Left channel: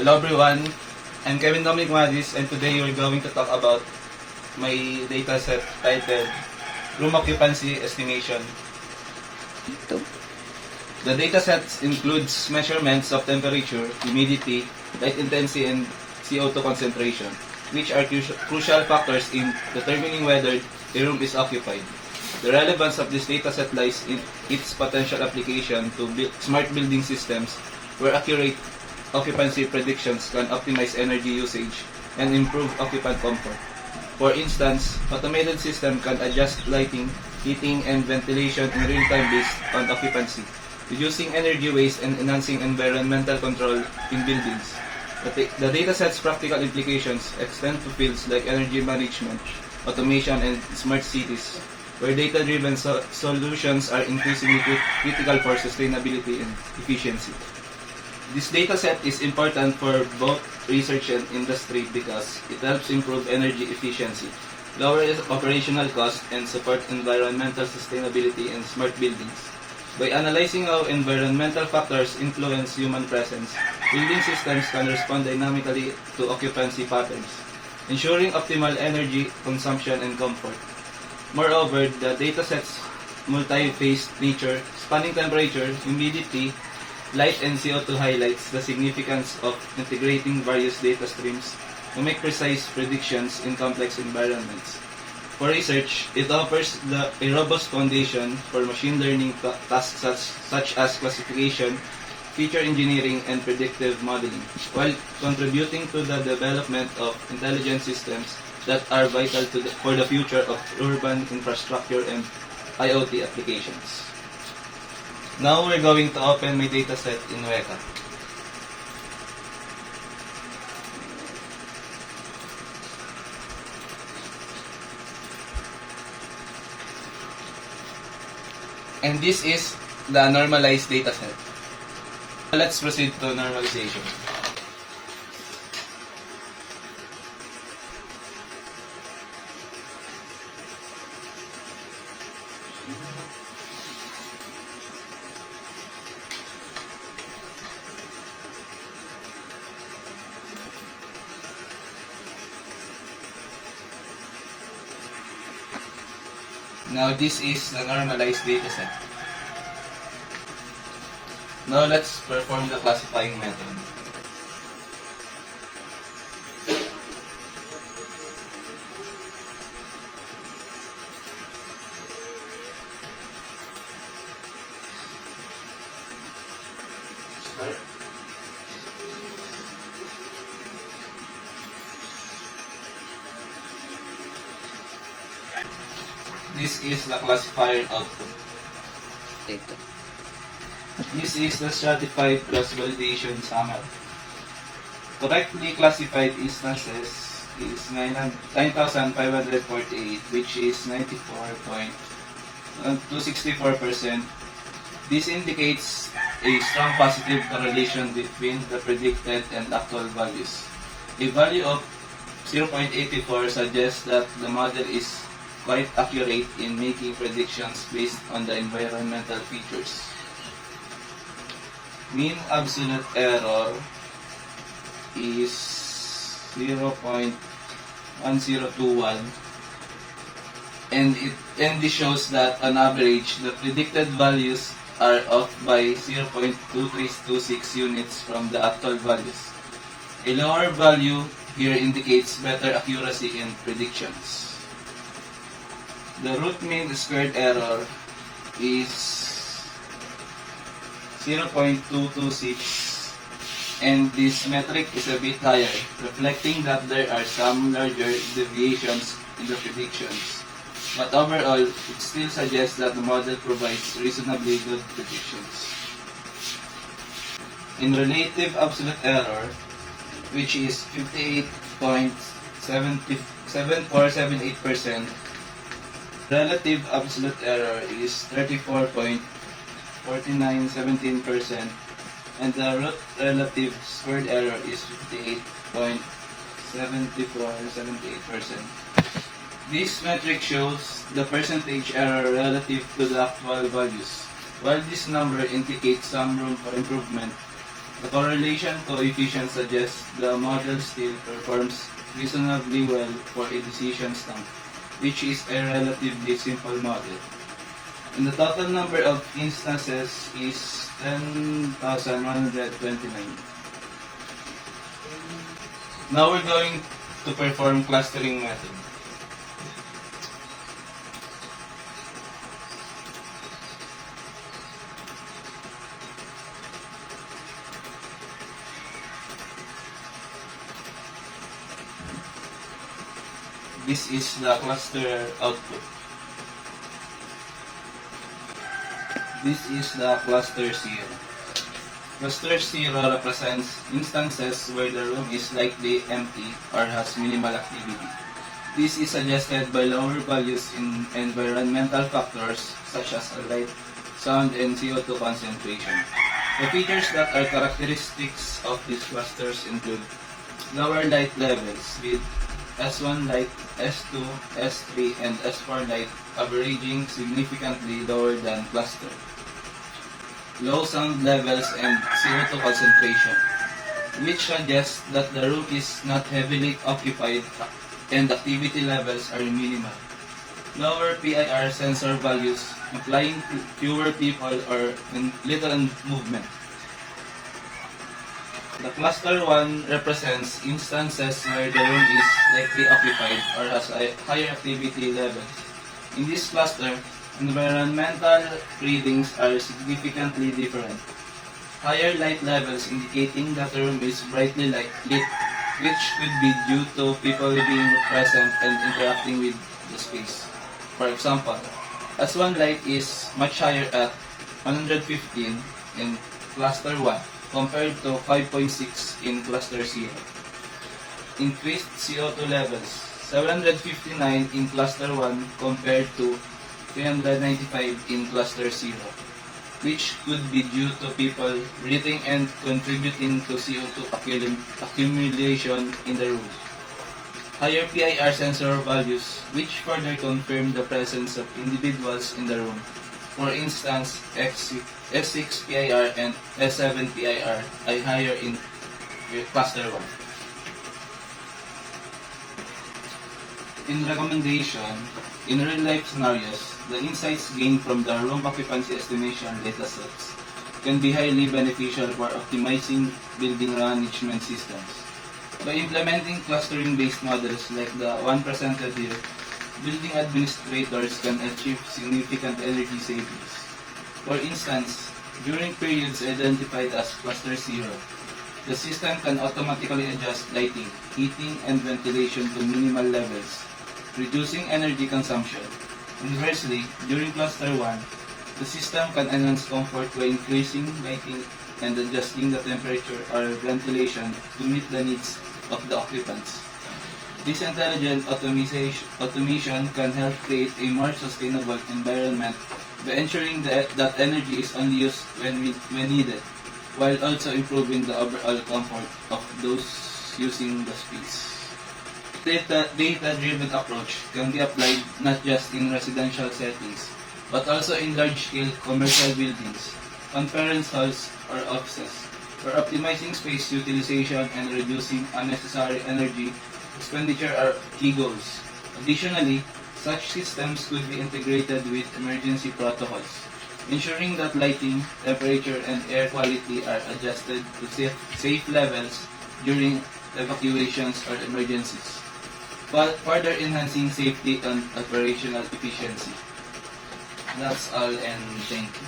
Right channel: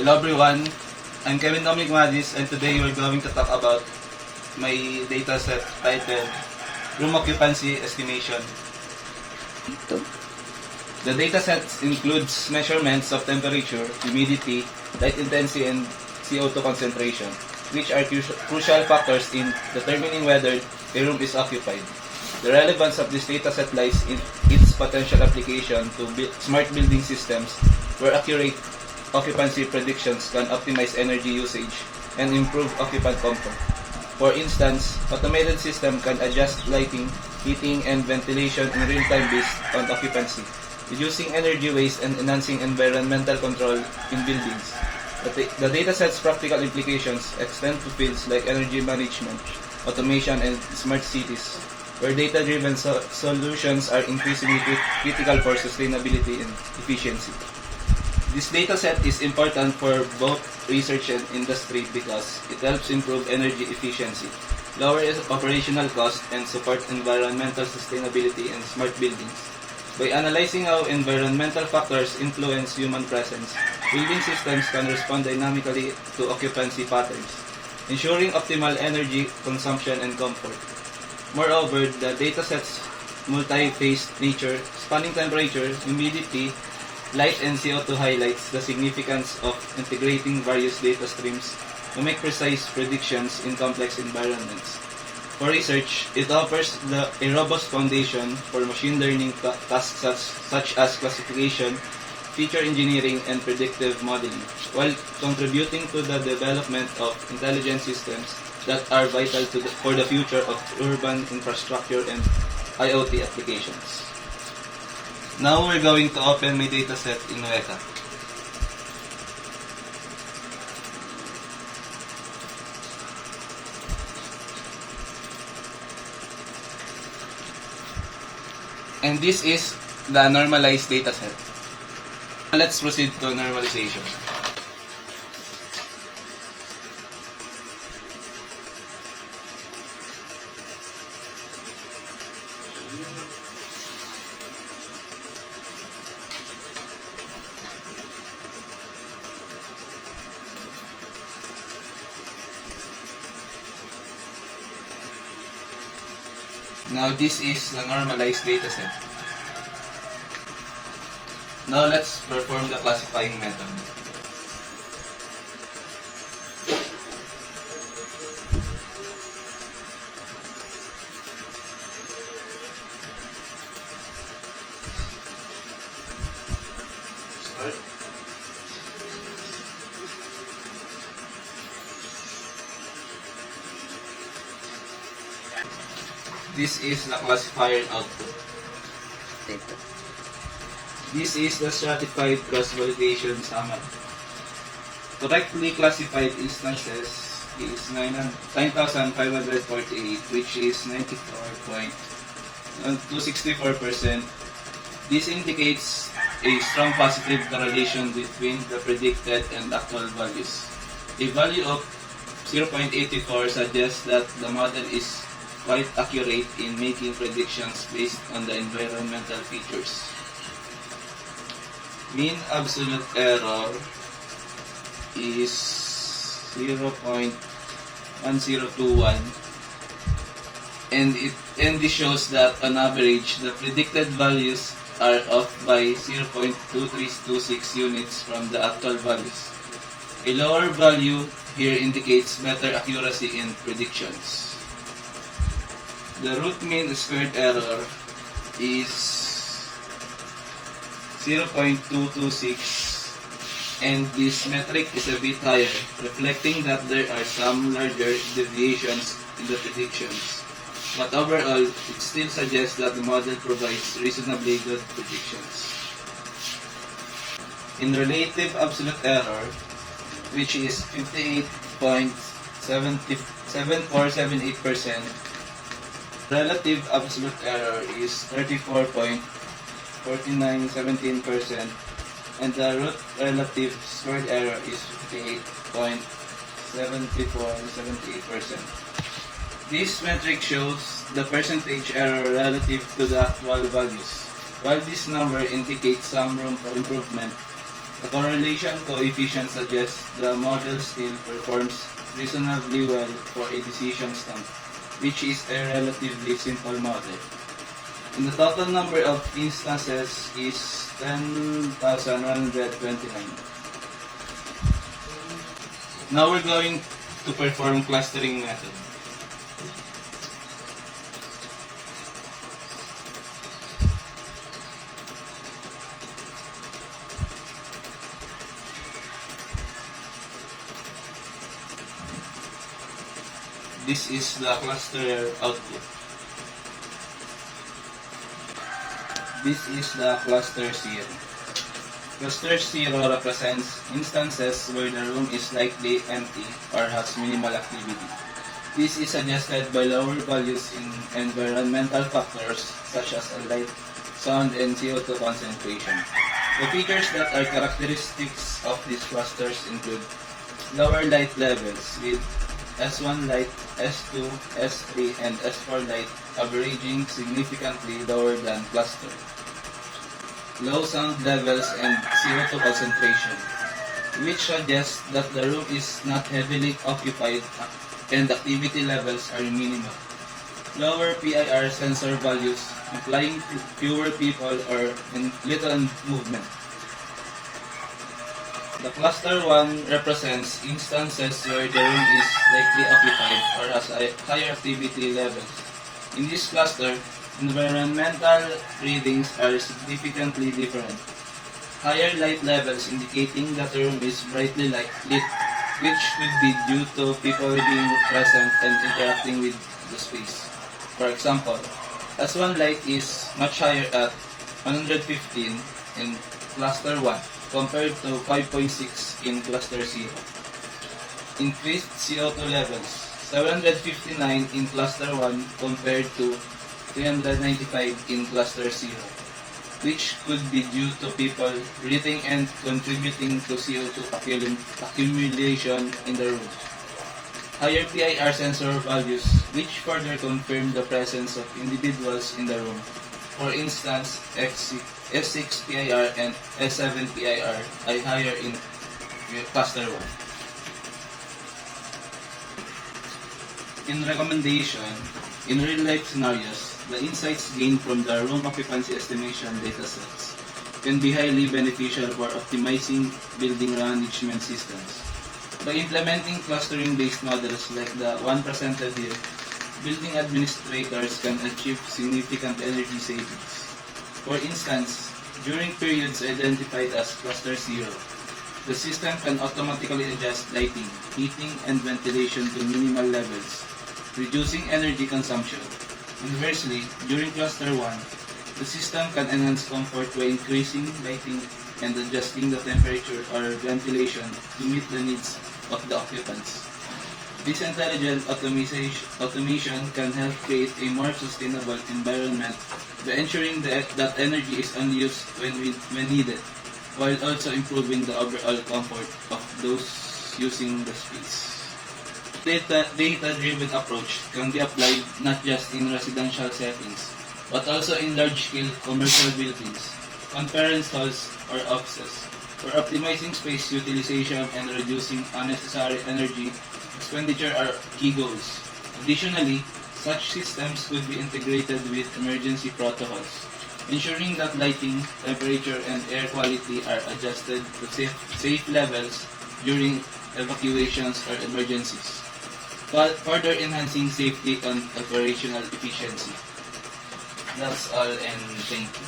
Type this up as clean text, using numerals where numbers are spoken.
Hello everyone, I'm Kevin Dominic Madis and today we're going to talk about my dataset titled Room Occupancy Estimation. The dataset includes measurements of temperature, humidity, light intensity, and CO2 concentration, which are crucial factors in determining whether a room is occupied. The relevance of this dataset lies in its potential application to smart building systems where accurate occupancy predictions can optimize energy usage and improve occupant comfort. For instance, automated system can adjust lighting, heating, and ventilation in real time based on occupancy, reducing energy waste and enhancing environmental control in buildings. The dataset's practical implications extend to fields like energy management, automation, and smart cities, where data-driven solutions are increasingly critical for sustainability and efficiency. This dataset is important for both research and industry because it helps improve energy efficiency, lower operational costs, and support environmental sustainability and smart buildings. By analyzing how environmental factors influence human presence, building systems can respond dynamically to occupancy patterns, ensuring optimal energy consumption and comfort. Moreover, the dataset's multi-phase nature, spanning temperature, humidity, light, and CO2 highlights the significance of integrating various data streams to make precise predictions in complex environments. For research, it offers a robust foundation for machine learning tasks such as classification, feature engineering, and predictive modeling, while contributing to the development of intelligent systems that are vital for the future of urban infrastructure and IoT applications. Now we're going to open my dataset in Weka. And this is the normalized dataset. Let's proceed to normalization. Now this is the normalized dataset. Now let's perform the classifying method. This is the classifier output. This is the stratified cross validation summary. Correctly classified instances is 9,548, which is 94.264%. This indicates a strong positive correlation between the predicted and actual values. A value of 0.84 suggests that the model is quite accurate in making predictions based on the environmental features. Mean absolute error is 0.1021, and this shows that on average the predicted values are off by 0.2326 units from the actual values. A lower value here indicates better accuracy in predictions. The root mean squared error is 0.226, and this metric is a bit higher, reflecting that there are some larger deviations in the predictions. But overall, it still suggests that the model provides reasonably good predictions. In relative absolute error, which is 58.7478%, relative absolute error is 34.4917%, and the root relative squared error is 58.7478%. This metric shows the percentage error relative to the actual values. While this number indicates some room for improvement, The correlation coefficient suggests the model still performs reasonably well for a decision stamp, which is a relatively simple model. And the total number of instances is 10,129. Now we're going to perform clustering method. This is the cluster output. This is the cluster 0. Cluster 0 represents instances where the room is likely empty or has minimal activity. This is suggested by lower values in environmental factors such as light, sound, and CO2 concentration. The features that are characteristics of these clusters include lower light levels with S1 light, S2, S3, and S4 light averaging significantly lower than cluster. Low sound levels and CO2 concentration, which suggests that the room is not heavily occupied and activity levels are minimal. Lower PIR sensor values, implying fewer people or little movement. The cluster 1 represents instances where the room is likely occupied or has a higher activity levels. In this cluster, environmental readings are significantly different. Higher light levels indicating that the room is brightly lit, which could be due to people being present and interacting with the space. For example, S1 light is much higher at 115 in cluster 1 compared to 5.6 in cluster 0. Increased CO2 levels, 759 in cluster 1 compared to 395 in cluster 0, which could be due to people breathing and contributing to CO2 accumulation in the room. Higher PIR sensor values, which further confirm the presence of individuals in the room. For instance, S6 PIR and S7 PIR are higher in cluster 1. In recommendation, in real-life scenarios, the insights gained from the room occupancy estimation datasets can be highly beneficial for optimizing building management systems. By implementing clustering-based models like the one presented here, building administrators can achieve significant energy savings. For instance, during periods identified as cluster 0, the system can automatically adjust lighting, heating, and ventilation to minimal levels, reducing energy consumption. Conversely, during cluster 1, the system can enhance comfort by increasing lighting and adjusting the temperature or ventilation to meet the needs of the occupants. This intelligent automation can help create a more sustainable environment by ensuring that energy is only used when needed, while also improving the overall comfort of those using the space. Data-driven approach can be applied not just in residential settings, but also in large-scale commercial buildings, conference halls, or offices, where optimizing space utilization and reducing unnecessary energy expenditure are key goals. Additionally, such systems could be integrated with emergency protocols, ensuring that lighting, temperature, and air quality are adjusted to safe levels during evacuations or emergencies, while further enhancing safety and operational efficiency. That's all, and thank you.